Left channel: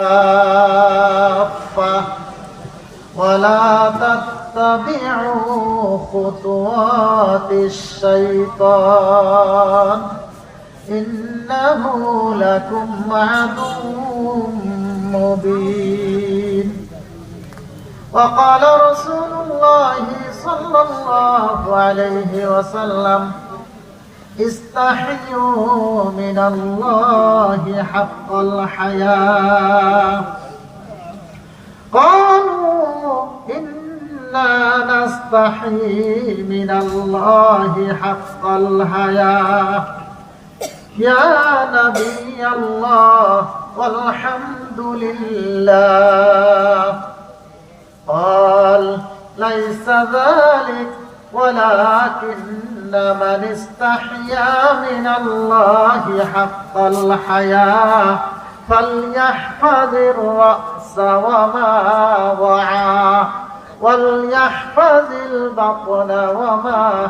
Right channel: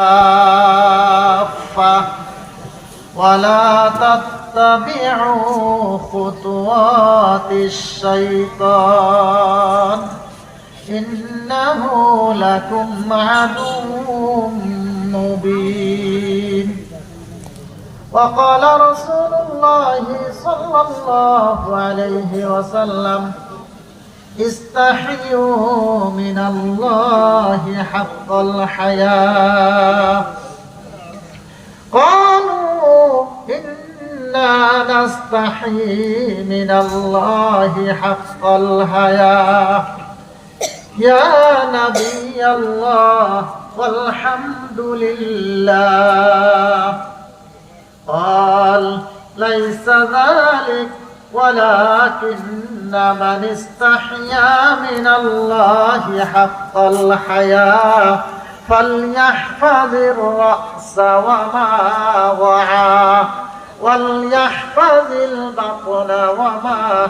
كافة. ولا تتبعوا خطوات الشيطان. إنه لكم عدو مبين. وقال رسول الله صلى الله عليه وسلم استحيوا من الله حق الحياة. إنا نستحي من الله حق الحياة. يا نبي الله والحمد لله. قال ليس ذلك ولكن من استحيا من الله حق الحياة فليحفظ الرأس وما وعى وليحفظ البطن وما